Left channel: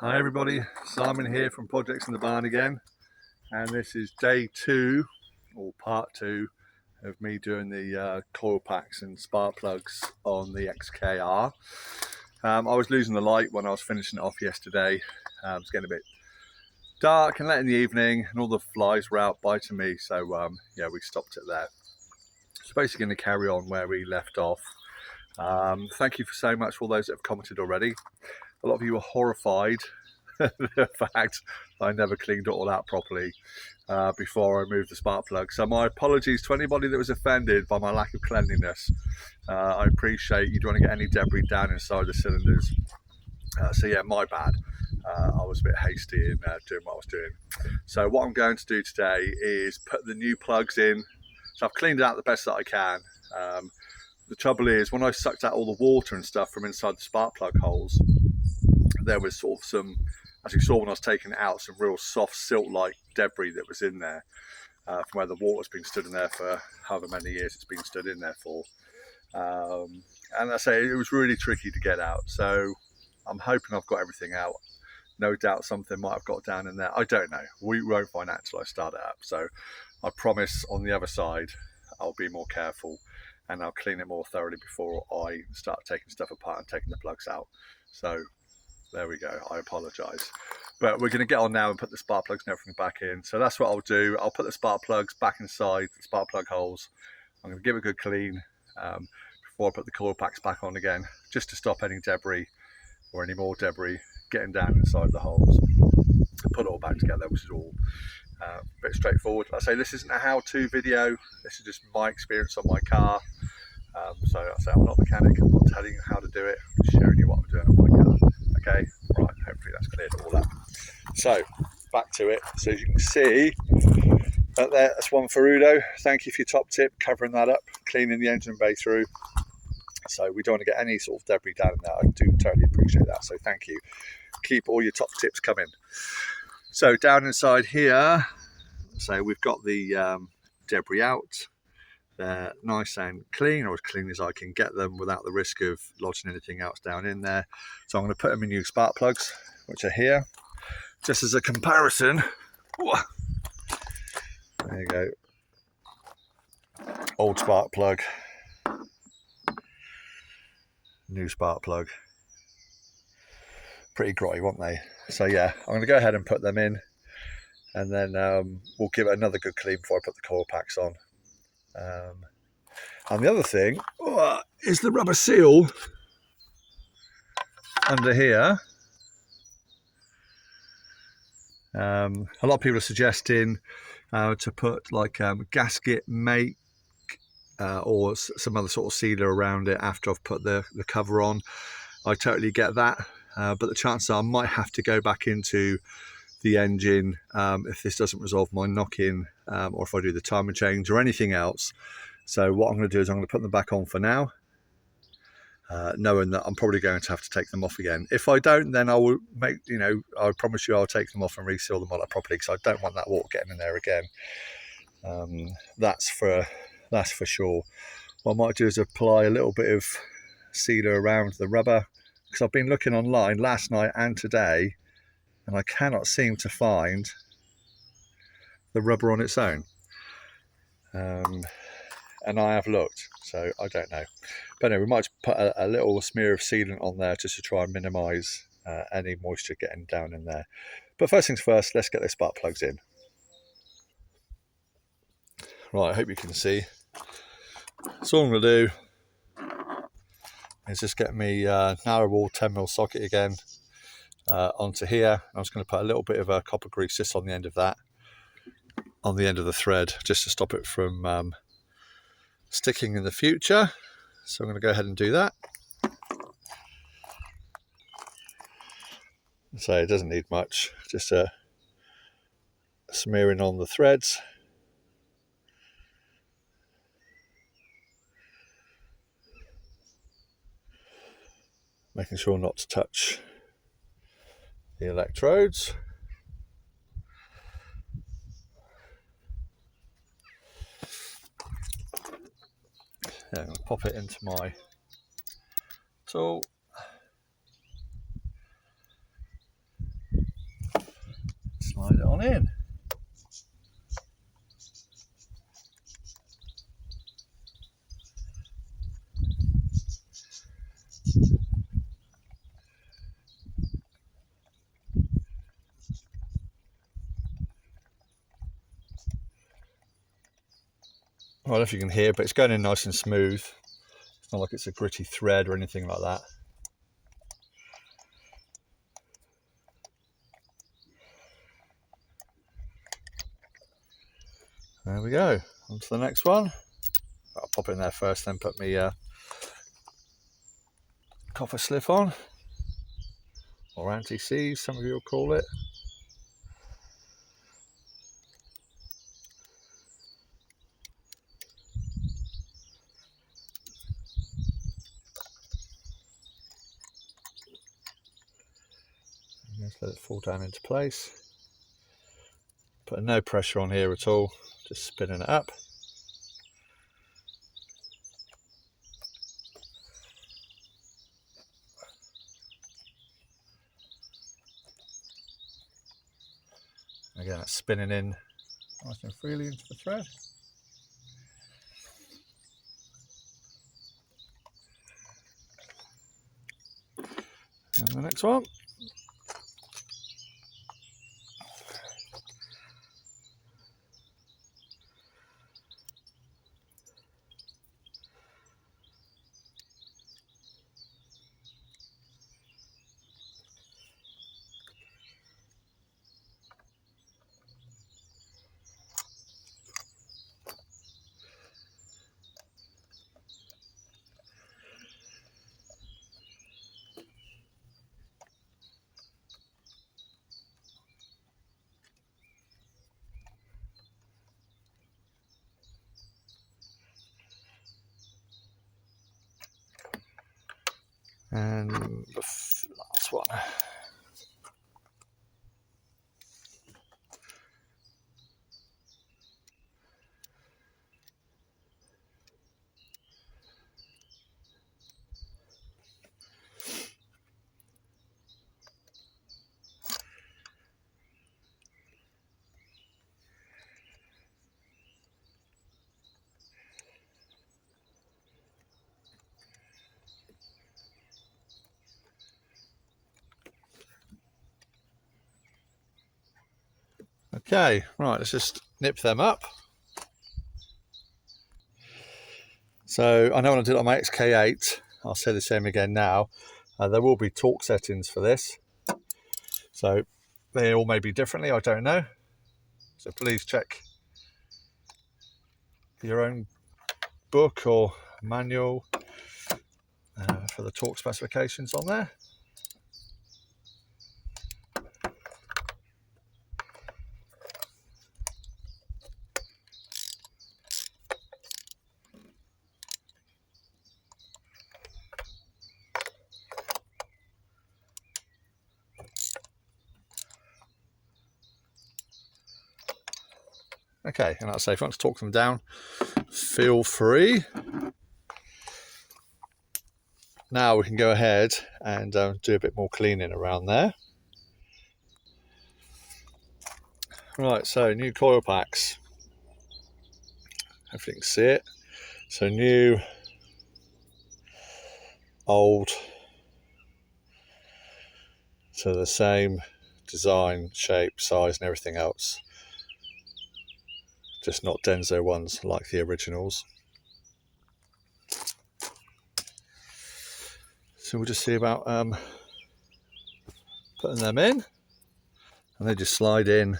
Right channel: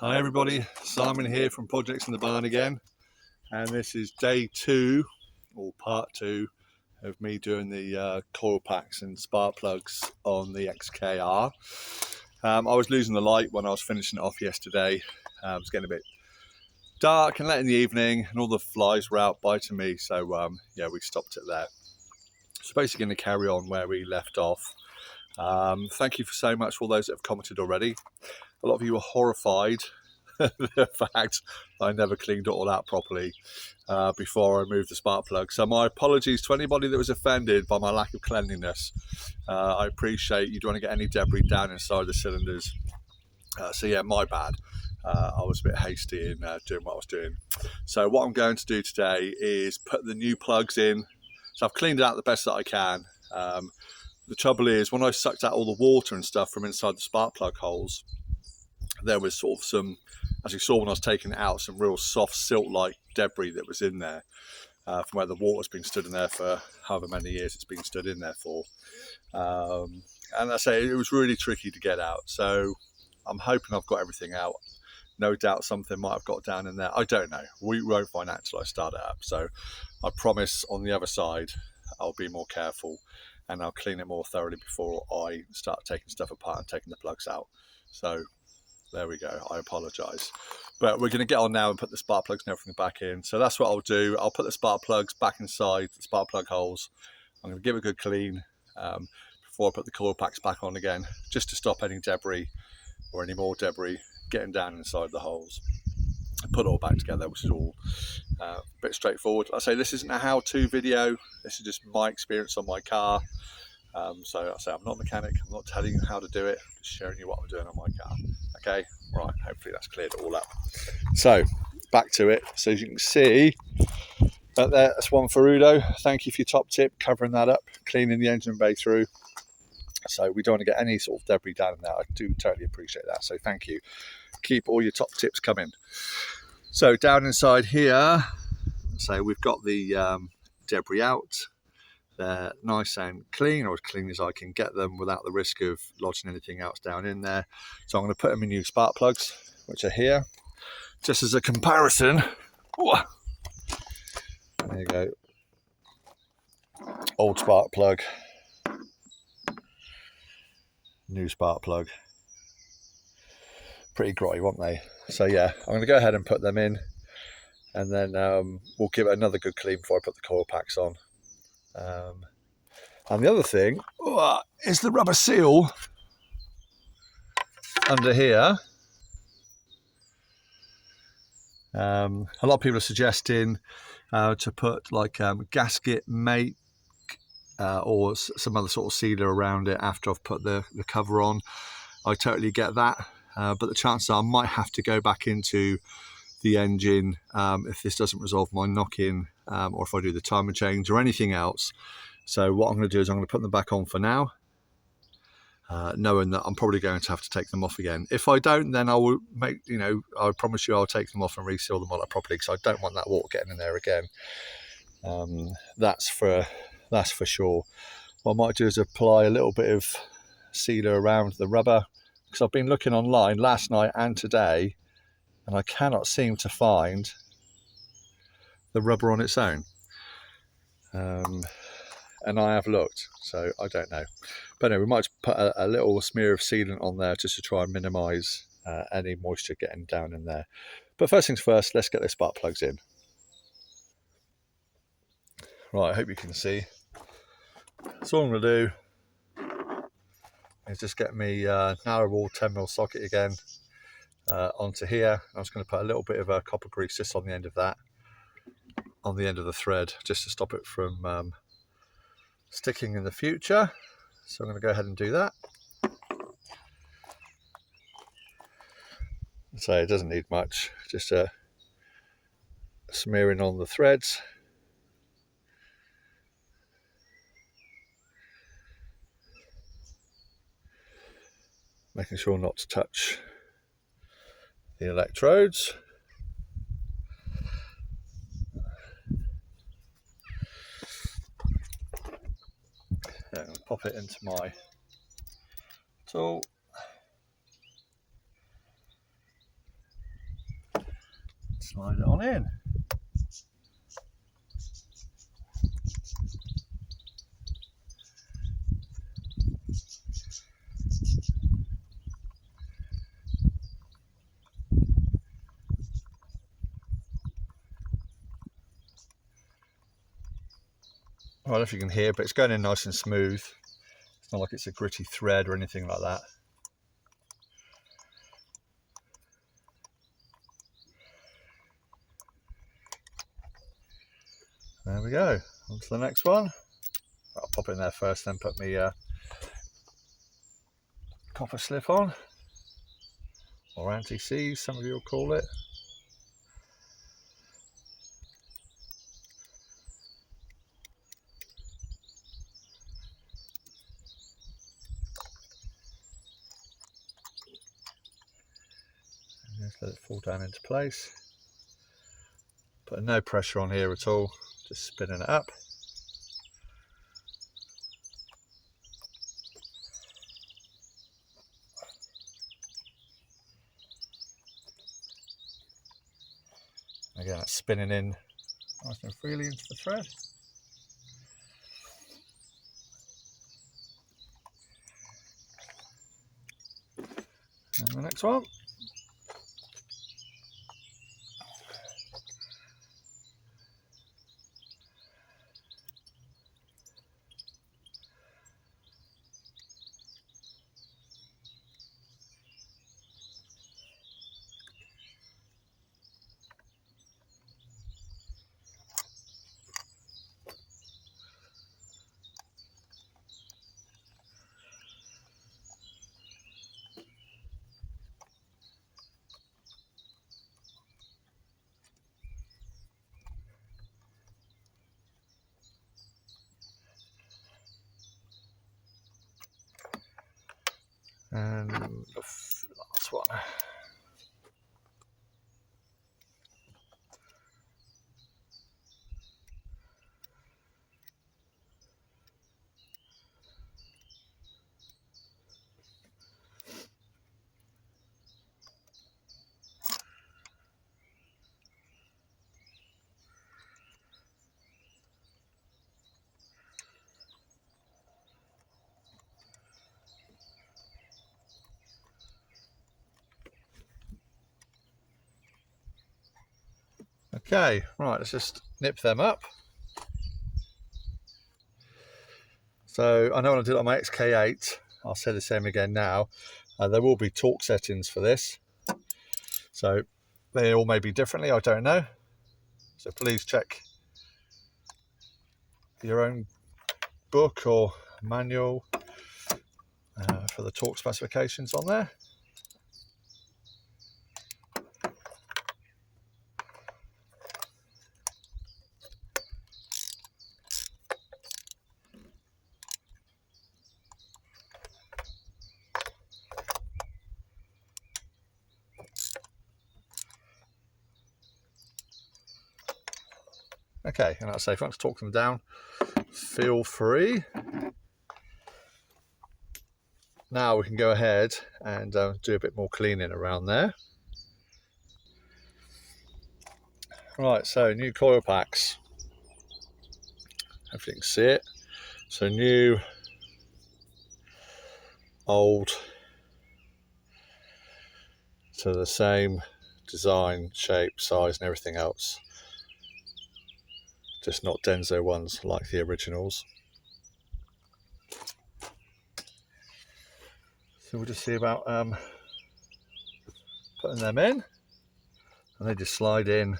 Hi everybody, Simon here from Projects in the Barn again, and this is day 2 or part 2 of me doing the coil packs and spark plugs on the XKR. I was losing the light when I was finishing it off yesterday. It was getting a bit dark and late in the evening and all the flies were out biting me, so yeah, we stopped it there. So basically going to carry on where we left off. Thank you so much for all those that have commented already. A lot of you were horrified at the fact I never cleaned it all out properly before I removed the spark plug. So my apologies to anybody that was offended by my lack of cleanliness. I appreciate you don't want to get any debris down inside the cylinders. So yeah, my bad. I was a bit hasty in doing what I was doing. So what I'm going to do today is put the new plugs in. So I've cleaned it out the best that I can. The trouble is, when I sucked out all the water and stuff from inside the spark plug holes, there was sort of some, as you saw when I was taking it out, some real soft silt-like debris that was in there from where the water's been stood in there for however many years it's been stood in there for. And I say it was really tricky to get out. So I'm hoping I've got everything out. No doubt something might have got down in there. I don't know. We won't find out until I start it up. So I promise on the other side, I'll be more careful and I'll clean it more thoroughly before I start taking stuff apart and taking the plugs out. So there we go, I apologise. But we're going to get on now and put the spark plugs and everything back in. So that's what I'll do. I'll put the spark plugs back inside the spark plug holes. I'm going to give it a good clean before I put the coil packs back on again, just to stop any debris or any more debris getting down inside the holes. Put it all back together, which is all a bit straightforward. Like I say, this isn't a how-to video. This is just my experience on my car. So I say I'm not a mechanic. I'm not telling you how to do it. I'm just showing you what I'm doing on my car. Okay, right. Hopefully that's cleared it all up. So back to it. So as you can see, right there, that's one for Udo. Thank you for your top tip, covering that up, cleaning the engine bay through. So we don't want to get any sort of debris down in that. I do totally appreciate that. So thank you. Keep all your top tips coming. So down inside here, so we've got the debris out. They're nice and clean, or as clean as I can get them without the risk of lodging anything else down in there. So I'm going to put them in new spark plugs, which are here. Just as a comparison, there you go. Old spark plug, new spark plug. Pretty grotty, weren't they? So yeah, I'm going to go ahead and put them in, and then we'll give it another good clean before I put the coil packs on. And the other thing is the rubber seal under here. A lot of people are suggesting to put like gasket make or some other sort of sealer around it after I've put the cover on. I totally get that, but the chances are I might have to go back into the engine if this doesn't resolve my knock-in, or if I do the timer change or anything else. So what I'm going to do is I'm going to put them back on for now, knowing that I'm probably going to have to take them off again. If I don't, then I will make, I promise you I'll take them off and reseal them all up properly, because I don't want that water getting in there again. That's for sure. What I might do is apply a little bit of sealer around the rubber, because I've been looking online last night and today, and I cannot seem to find the rubber on its own. And I have looked, so I don't know. But anyway, we might put a little smear of sealant on there just to try and minimise any moisture getting down in there. But first things first, let's get the spark plugs in. Right, I hope you can see. So all I'm going to do is just get me narrow wall 10mm socket again onto here. I'm just going to put a little bit of copper grease just on the end of that, on the end of the thread, just to stop it from sticking in the future. So I'm going to go ahead and do that. So it doesn't need much, just a smearing on the threads. Making sure not to touch the electrodes. Yeah, I'm going to pop it into my tool. slide it on in. I don't know if you can hear, but it's going in nice and smooth. It's not like it's a gritty thread or anything like that. There we go. On to the next one. I'll pop it in there first, then put my copper slip on, or anti-seize, some of you will call it. And just let it fall down into place. Putting no pressure on here at all, just spinning it up. Again, that's spinning in nice and freely into the thread. And the next one. And the last one. Okay, right, let's just nip them up. So I know when I did it on my XK8, I'll say the same again now, there will be torque settings for this. So they all may be differently, I don't know. So please check your own book or manual for the torque specifications on there. Okay, and that's safe. If you want to torque them down, feel free. Now we can go ahead and do a bit more cleaning around there. Right, so new coil packs. Hopefully you can see it. So new, old, to the same design, shape, size and everything else. Just not Denso ones like the originals. So we'll just see about putting them in, and they just slide in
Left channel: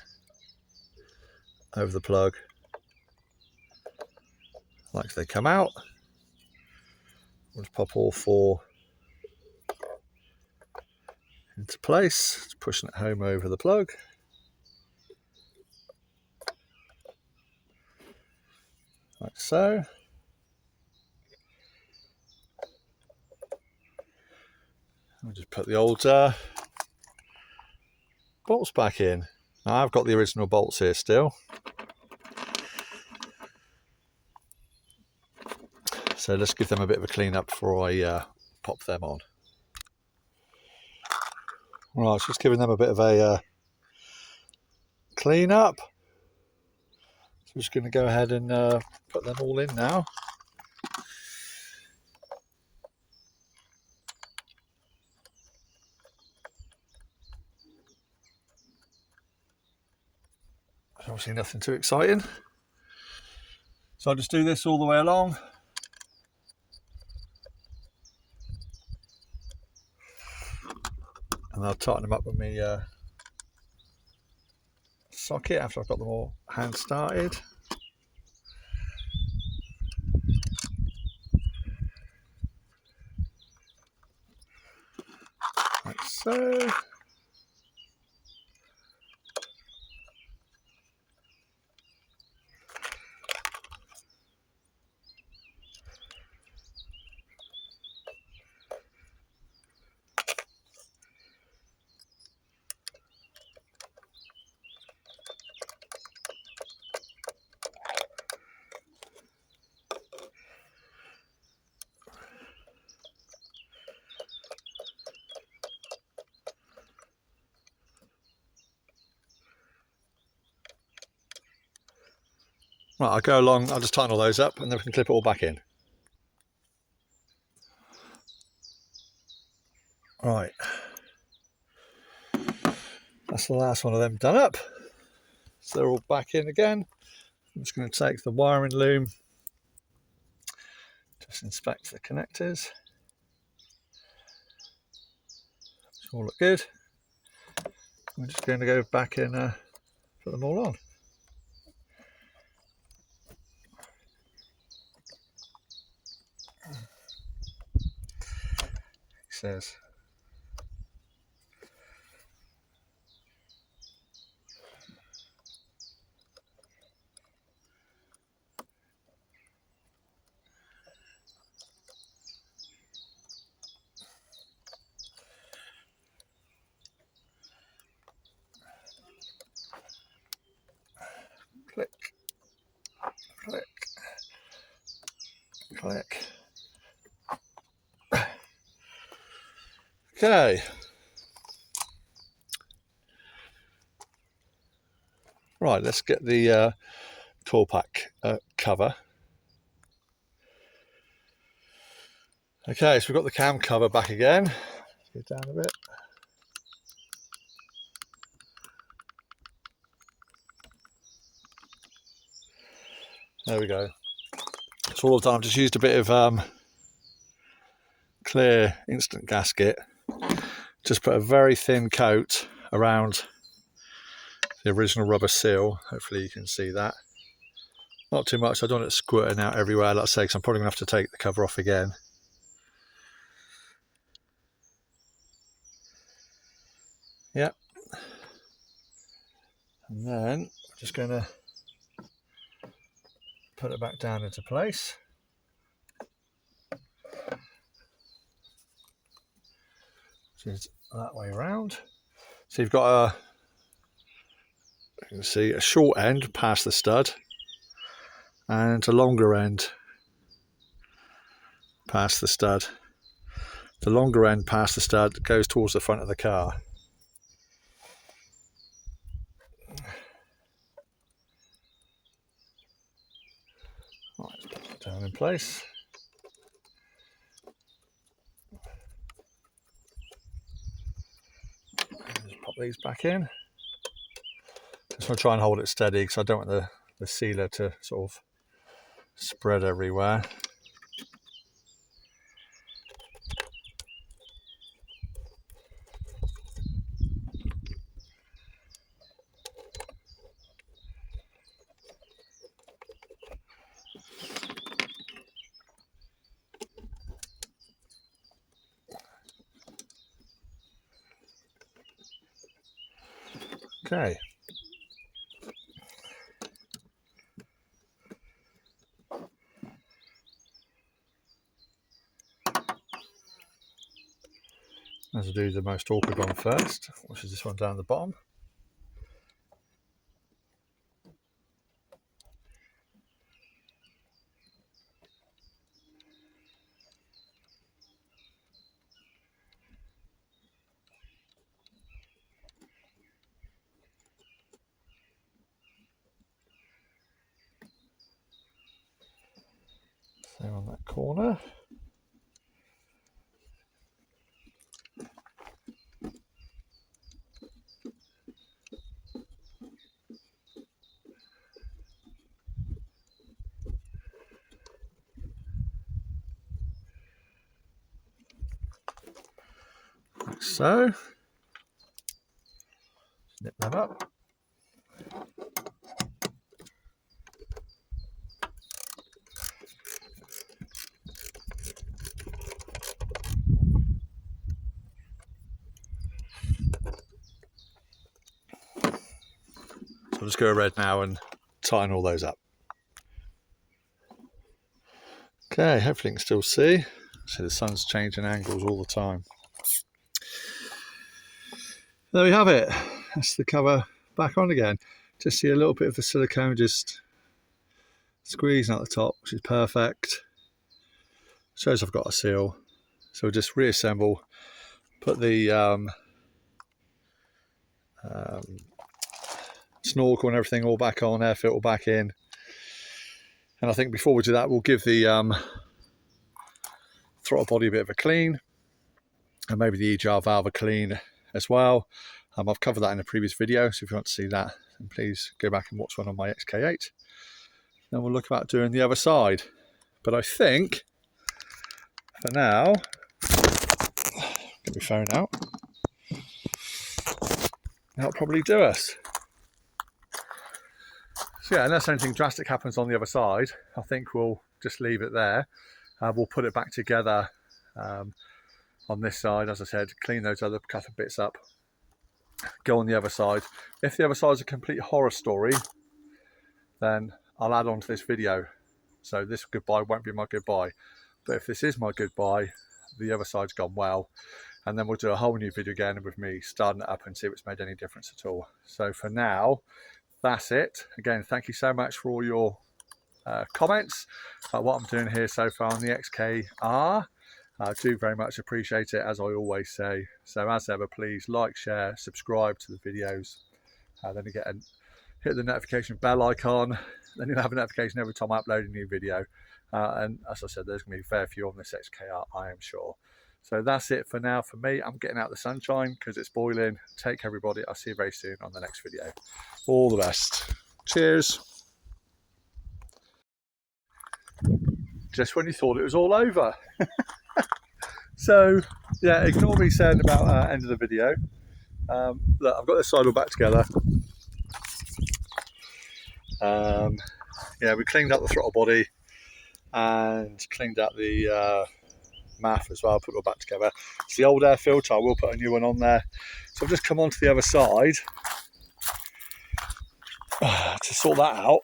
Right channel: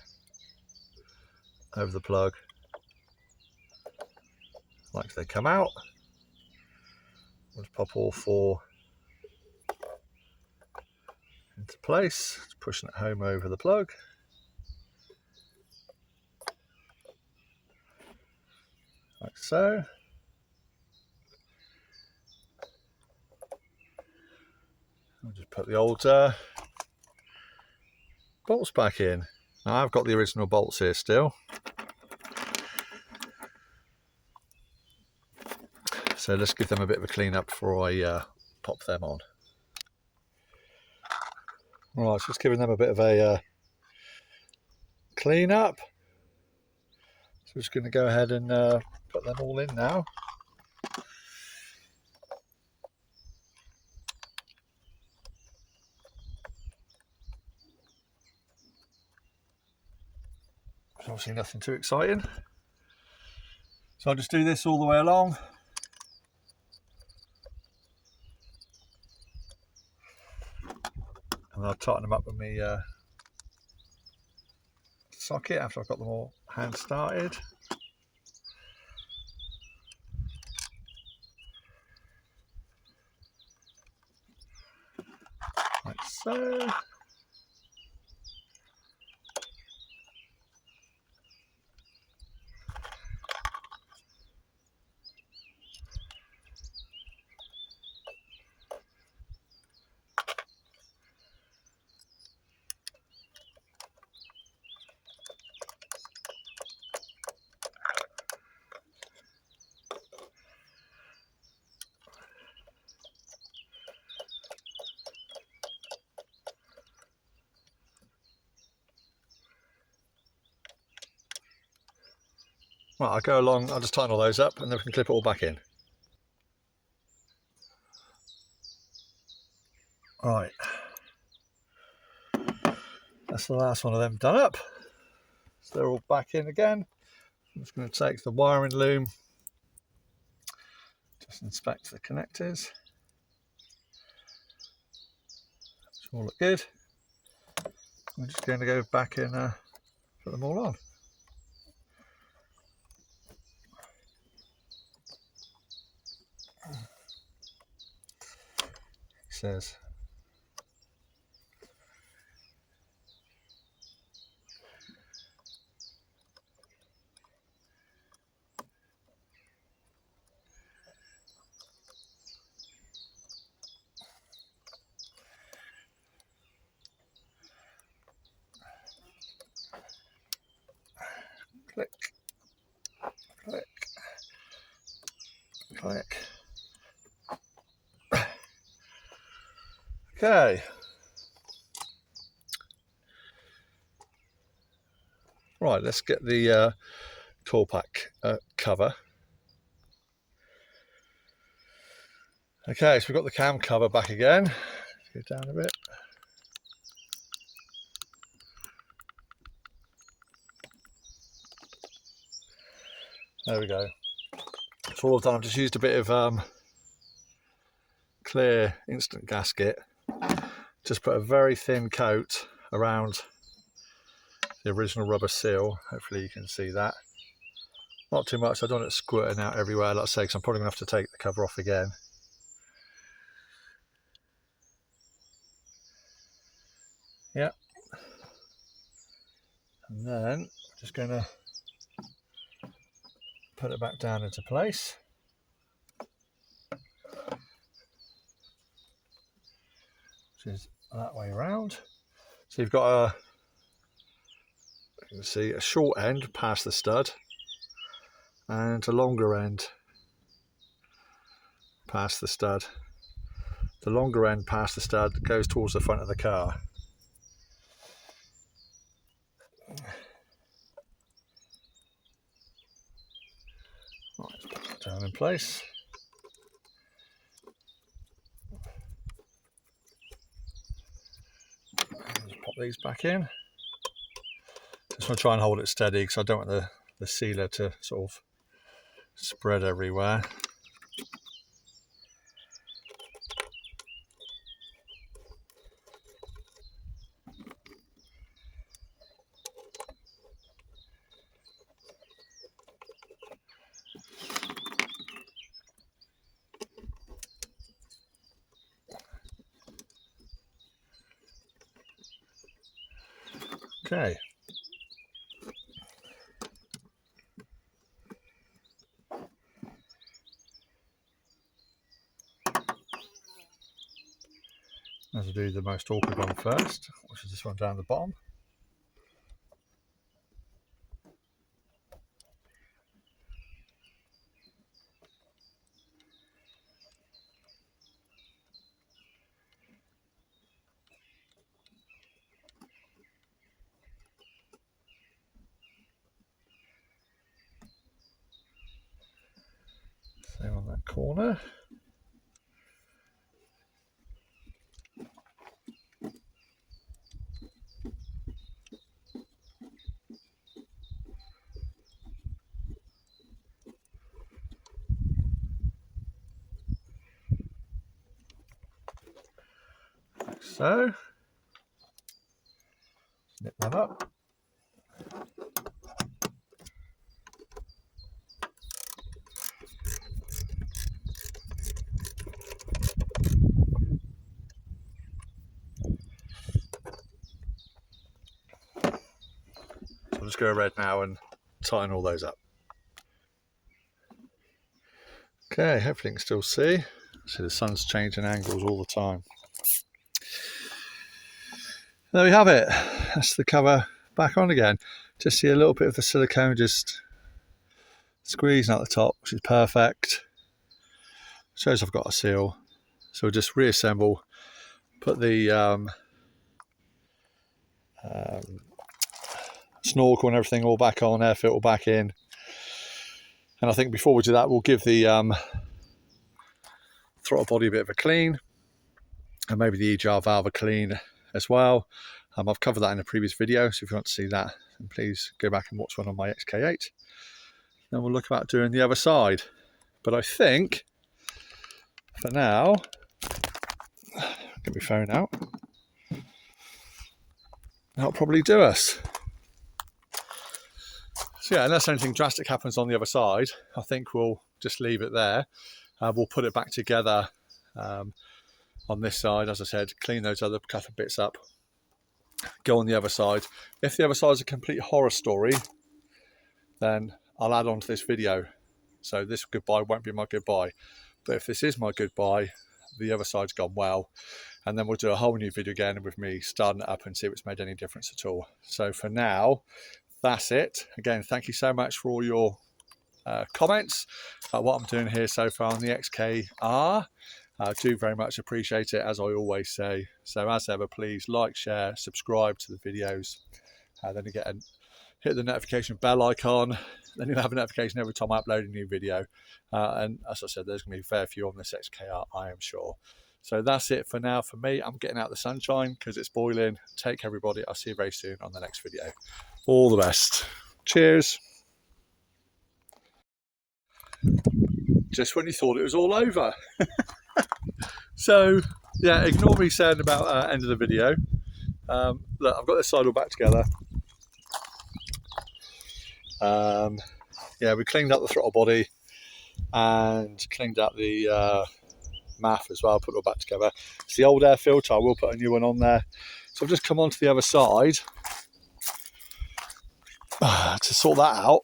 over the plug like they come out. We'll just pop all four into place, just pushing it home over the plug. Like so. I'll just put the old bolts back in. Now I've got the original bolts here still. So let's give them a bit of a clean up before I pop them on. Right, just giving them a bit of a clean up. So I'm just going to go ahead and put them all in now. Obviously nothing too exciting. So I'll just do this all the way along. And I'll tighten them up with my socket after I've got them all hand started. Like so. Right, I'll go along, I'll just tighten all those up and then we can clip it all back in. Right, that's the last one of them done up. So they're all back in again. I'm just going to take the wiring loom, just inspect the connectors. It's all look good. I'm just going to go back and put them all on. He says. Click, click, click. Okay. Right, let's get the tool pack cover. Okay, so we've got the cam cover back again. Go down a bit. There we go. So all I've done, I've just used a bit of clear instant gasket. Just put a very thin coat around the original rubber seal. Hopefully you can see that. Not too much, I don't want it squirting out everywhere, like I say, because I'm probably going to have to take the cover off again. Yep. And then I'm just going to put it back down into place. So it's that way around. So you've got a, you can see a short end past the stud and a longer end past the stud. The longer end past the stud goes towards the front of the car. Right, let's put that down in place. Just pop these back in. Just want to try and hold it steady because I don't want the sealer to sort of spread everywhere. Okay. Let's do the most awkward one first, which is this one down the bottom. corner. Like so. Snip that up. So I'll just go red now and tighten all those up. Okay, hopefully you can still see. See the sun's changing angles all the time. There we have it. That's the cover back on again. Just see a little bit of the silicone just squeezing out the top, which is perfect. Shows I've got a seal. So we'll just reassemble, put the snorkel and everything all back on, air filter back in. And I think before we do that, we'll give the throttle body a bit of a clean, and maybe the EGR valve a clean as well. I've covered that in a previous video, so if you want to see that, then please go back and watch one on my XK8. Then we'll look about doing the other side. But I think, for now, get my phone out, that'll probably do us. So yeah, unless anything drastic happens on the other side, I think we'll just leave it there. We'll put it back together on this side, as I said, clean those other couple of bits up, go on the other side. If the other side is a complete horror story, then I'll add on to this video. So this goodbye won't be my goodbye. But if this is my goodbye, the other side's gone well. And then we'll do a whole new video again with me starting it up and see if it's made any difference at all. So for now, that's it. Again, thank you so much for all your comments about what I'm doing here so far on the XKR. I do very much appreciate it, as I always say. So as ever, please like, share, subscribe to the videos. Then again, hit the notification bell icon. Then you'll have a notification every time I upload a new video. And as I said, there's going to be a fair few on this XKR, I am sure. So that's it for now for me. I'm getting out the sunshine because it's boiling. Take care, everybody. I'll see you very soon on the next video. All the best. Cheers. Just when you thought it was all over. So, yeah, ignore me saying about end of the video. Look, I've got this side all back together. Yeah, we cleaned up the throttle body and cleaned up the MAF as well, put it all back together. It's the old air filter, I will put a new one on there. So I'll just come on to the other side to sort that out.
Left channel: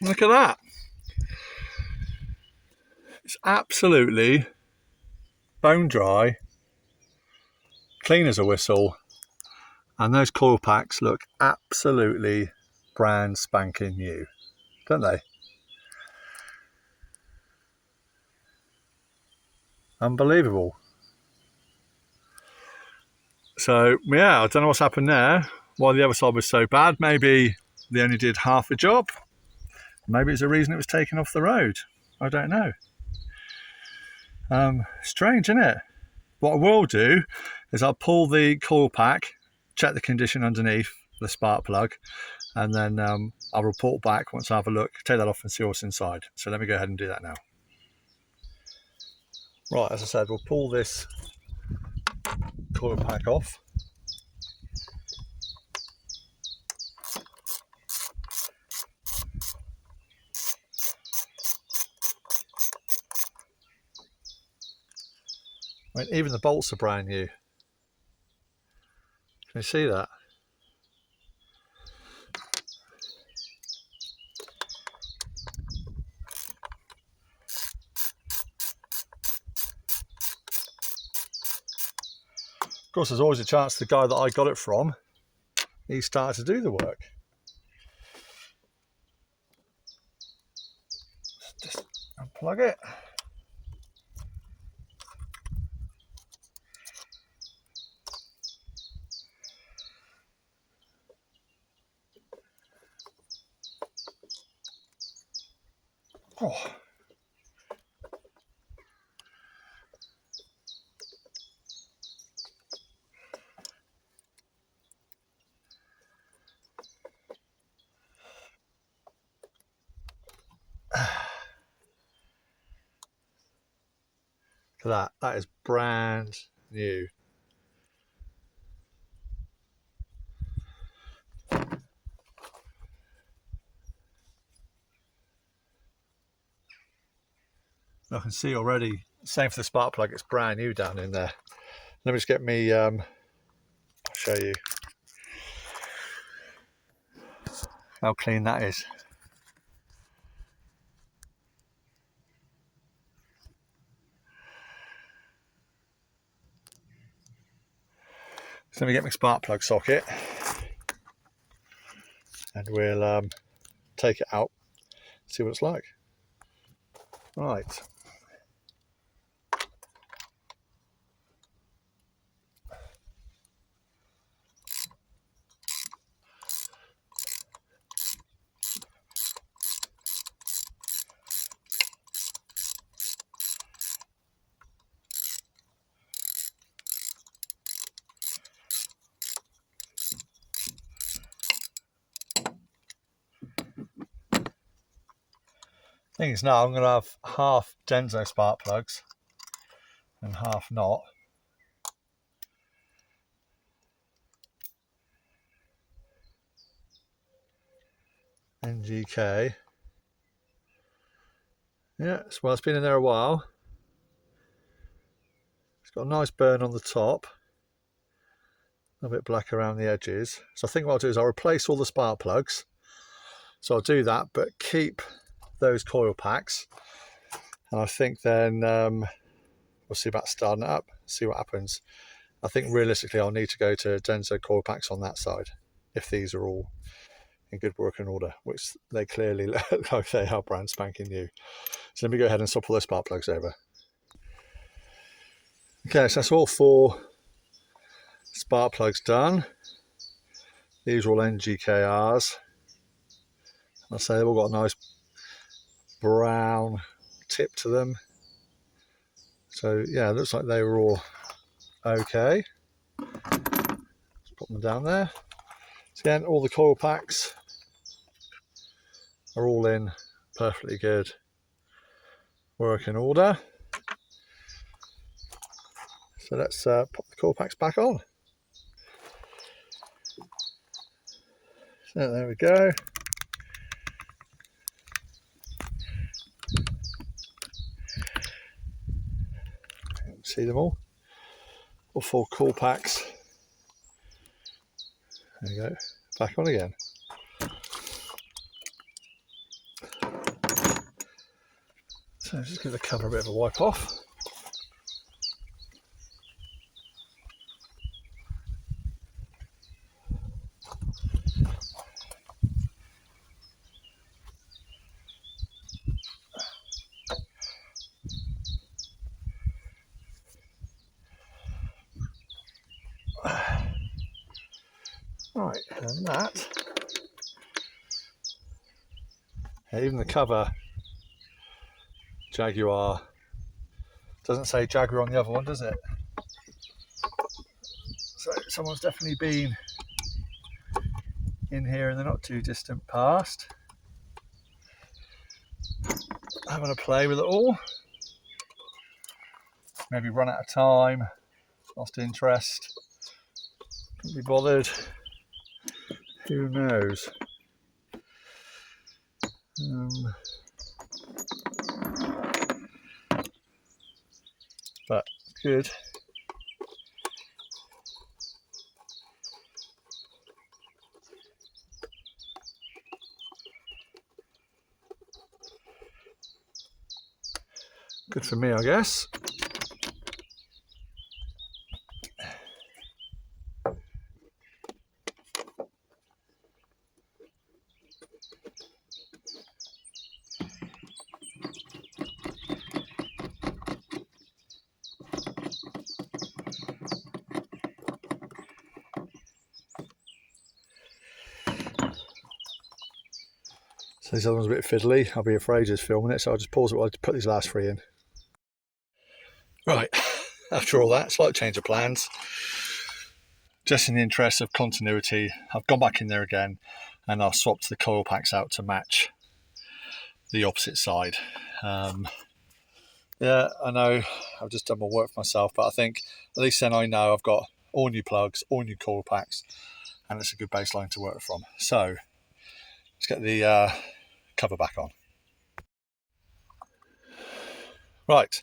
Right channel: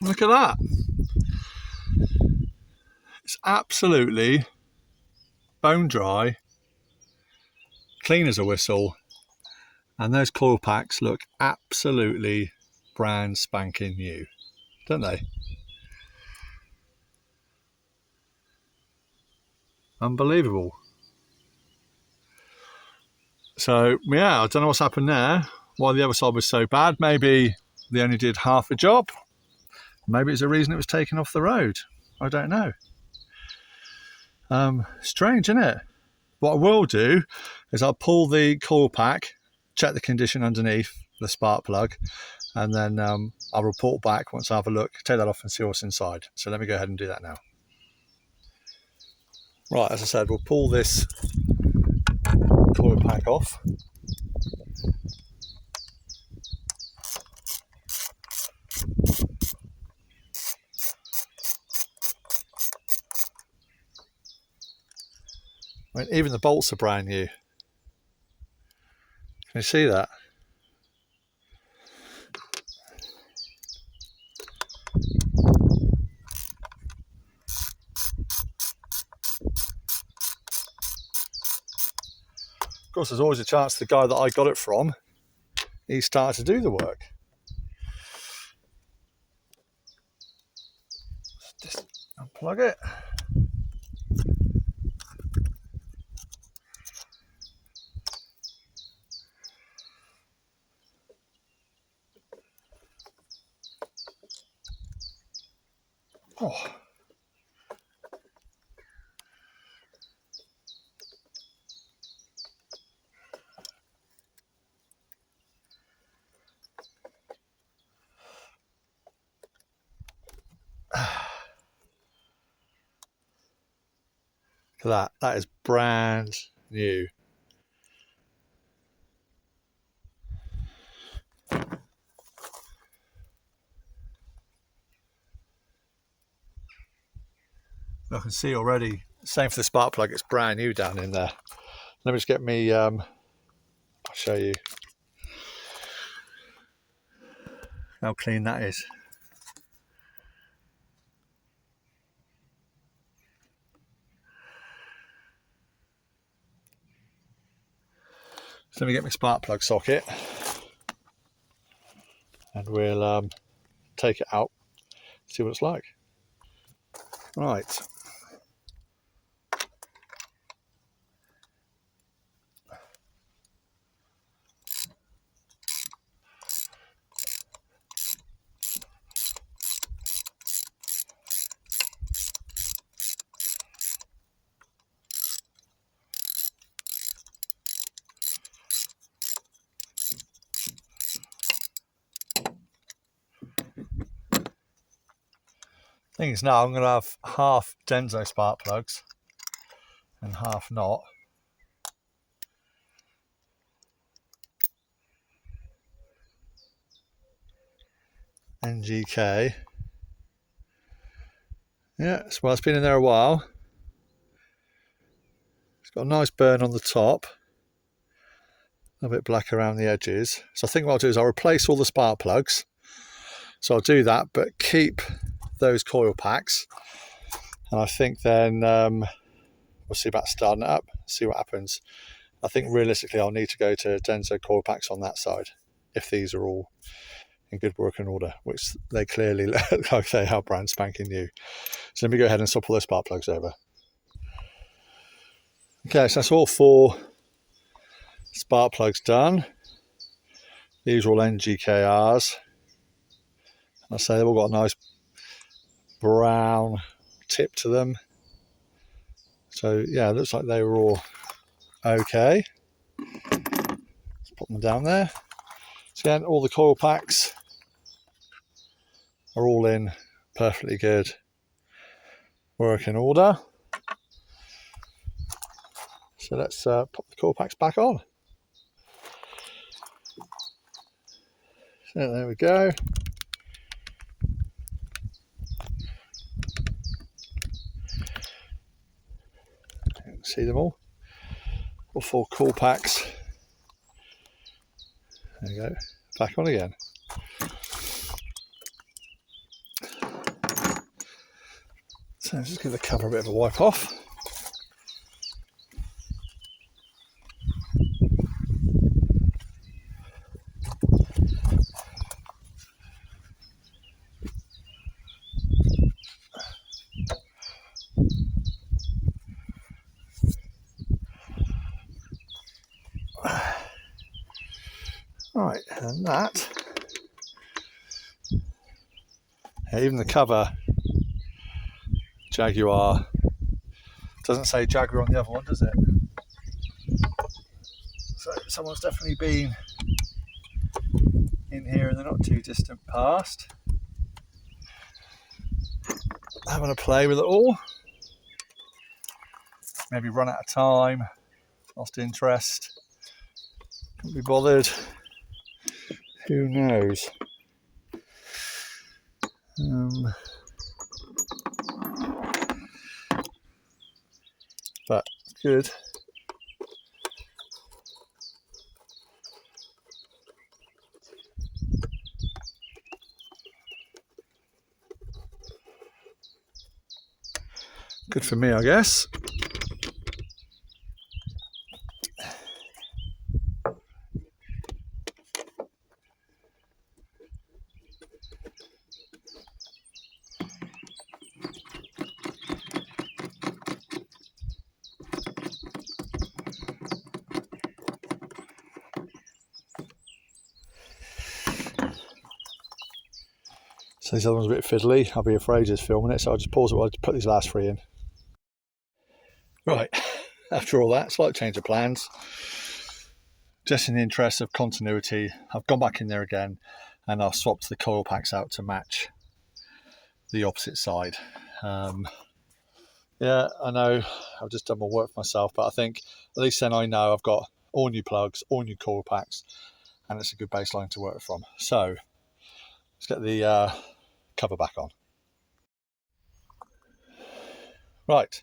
Look at that. It's absolutely bone dry, clean as a whistle, and those coil packs look absolutely brand spanking new, don't they? Unbelievable. So yeah, I don't know what's happened there, why the other side was so bad. Maybe they only did half the job. Maybe it's a reason it was taken off the road. I don't know. Strange, isn't it? What I will do is I'll pull the coil pack, check the condition underneath the spark plug, and then I'll report back once I have a look, take that off and see what's inside. So let me go ahead and do that now. Right, as I said, we'll pull this coil pack off. I mean, even the bolts are brand new. Can you see that? Of course, there's always a chance the guy that I got it from, he started to do the work. Just unplug it. Oh. Look at that, that is brand new. I can see already, same for the spark plug, it's brand new down in there. Let me just get me, I'll show you how clean that is. So let me get my spark plug socket and we'll take it out, see what it's like. Right. Thing is, now I'm going to have half Denso spark plugs and half not. NGK. Yeah, well, it's been in there a while. It's got a nice burn on the top, a bit black around the edges. So I think what I'll do is I'll replace all the spark plugs. So I'll do that, but keep those coil packs. And I think then we'll see about starting it up, see what happens. I think realistically I'll need to go to Denso coil packs on that side, if these are all in good working order, which they clearly look like they are brand spanking new. So let me go ahead and swap all the spark plugs over. Okay, so that's all 4 spark plugs done. These are all NGKRs. I say they've all got a nice brown tip to them. So yeah, it looks like they were all okay. Let's put them down there. So again, all the coil packs are all in perfectly good working order. So let's pop the coil packs back on. So there we go. See them all 4 coil packs. There you go, back on again. So just give the cover a bit of a wipe off. Right, and that, yeah, even the cover, Jaguar, doesn't say Jaguar on the other one, does it? So someone's definitely been in here in the not too distant past, having a play with it all. Maybe run out of time, lost interest, couldn't be bothered. Who knows? But good. Good for me, I guess. So this other one's a bit fiddly. I'll be afraid just filming it, so I'll just pause it while I put these last 3 in. Right, after all that, slight change of plans. Just in the interest of continuity, I've gone back in there again and I've swapped the coil packs out to match the opposite side. Yeah, I know I've just done my work for myself, but I think at least then I know I've got all new plugs, all new coil packs, and it's a good baseline to work from. So let's get the cover back on. Right,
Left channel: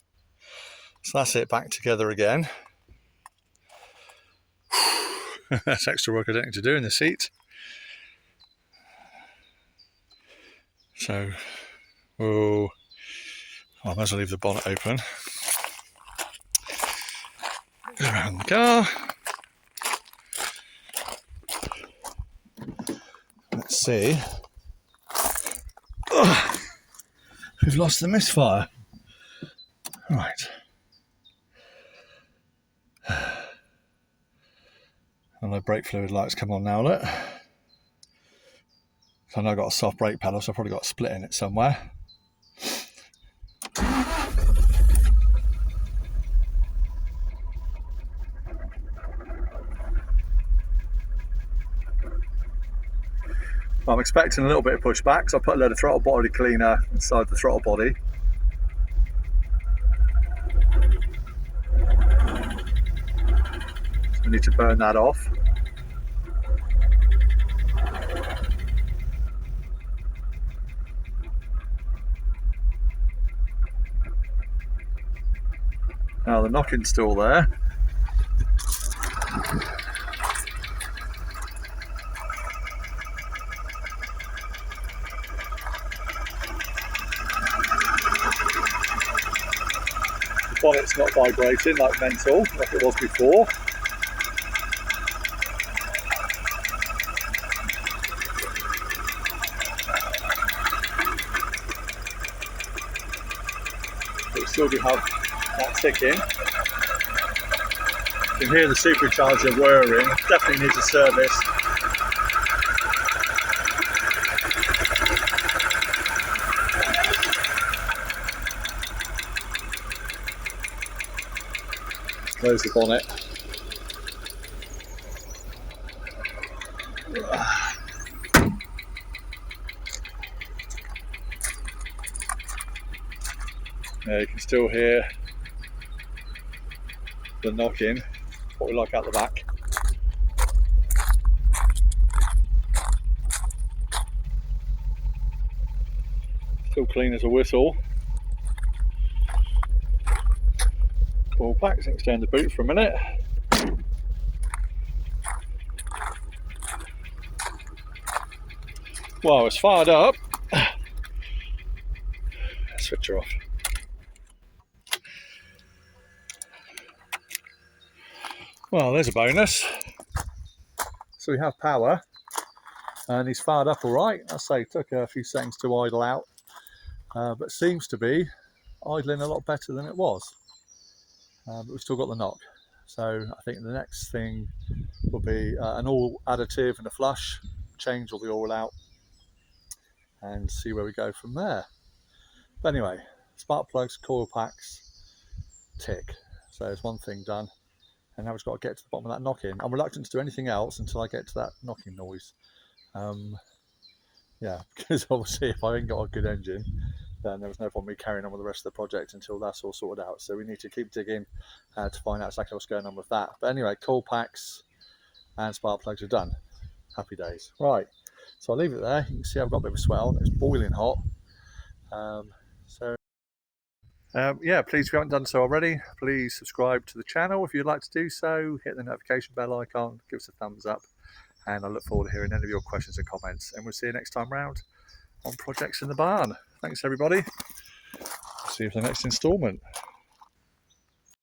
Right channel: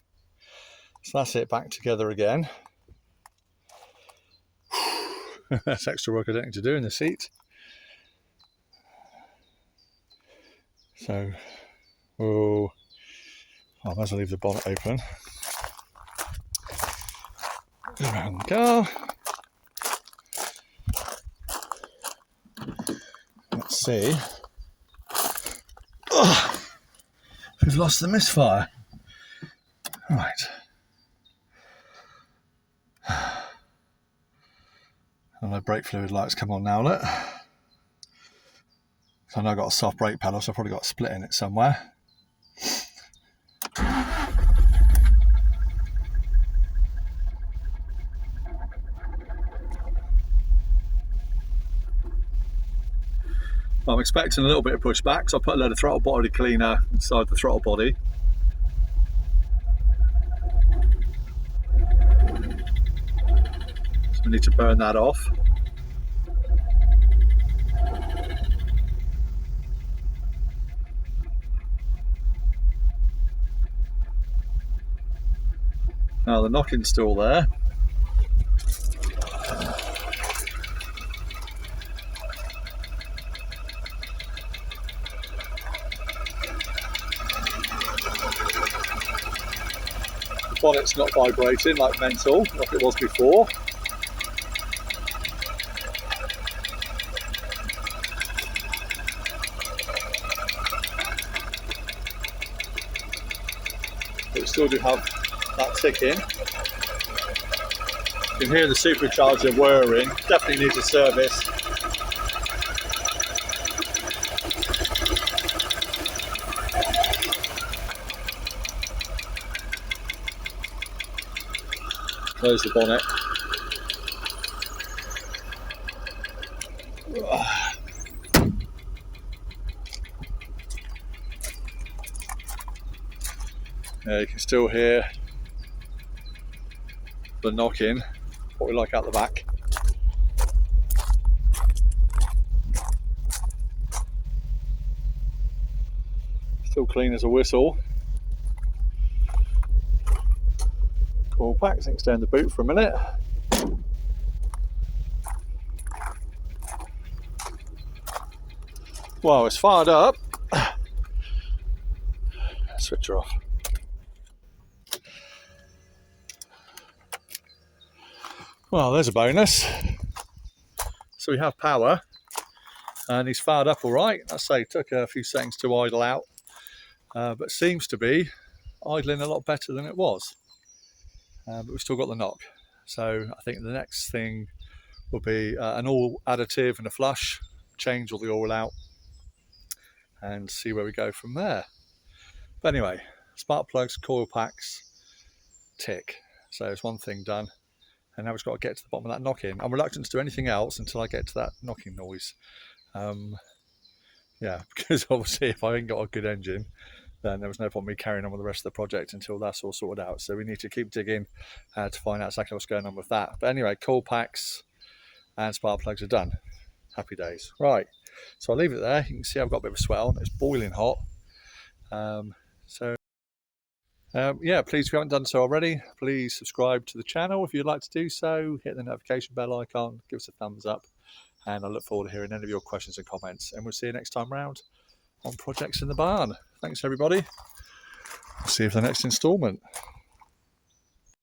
so that's it back together again. That's extra work I don't need to do in the seat. So, I might as well leave the bonnet open. Go around the car. Let's see. We've lost the misfire. Right. And my brake fluid lights come on now, look. So I know I've got a soft brake pedal, so I've probably got a split in it somewhere. I'm expecting a little bit of pushback, so I put a load of throttle body cleaner inside the throttle body. So I need to burn that off. Now the knocking's still there. The bonnet's not vibrating like mental, like it was before. But we still do have that ticking. You can hear the supercharger whirring, definitely needs a service. Close the bonnet. Yeah, you can still hear the knocking, what we like out the back. Still clean as a whistle. Coil packs, extend the boot for a minute. Well, it's fired up. Switch her off. Well, there's a bonus. So we have power, and he's fired up all right. I say it took a few seconds to idle out, but seems to be idling a lot better than it was. But we've still got the knock. So I think the next thing will be an oil additive and a flush, change all the oil out, and see where we go from there. But anyway, spark plugs, coil packs, tick. So it's one thing done. And now we've got to get to the bottom of that knocking. I'm reluctant to do anything else until I get to that knocking noise. Yeah, because obviously if I ain't got a good engine, then there was no point me carrying on with the rest of the project until that's all sorted out. So we need to keep digging to find out exactly what's going on with that. But anyway, coil packs and spark plugs are done. Happy days. Right, so I'll leave it there. You can see I've got a bit of a swell. It's boiling hot. Yeah, please, if you haven't done so already, please subscribe to the channel if you'd like to do so. Hit the notification bell icon, give us a thumbs up, and I look forward to hearing any of your questions and comments. And we'll see you next time round on Projects in the Barn. Thanks, everybody. I'll see you for the next installment.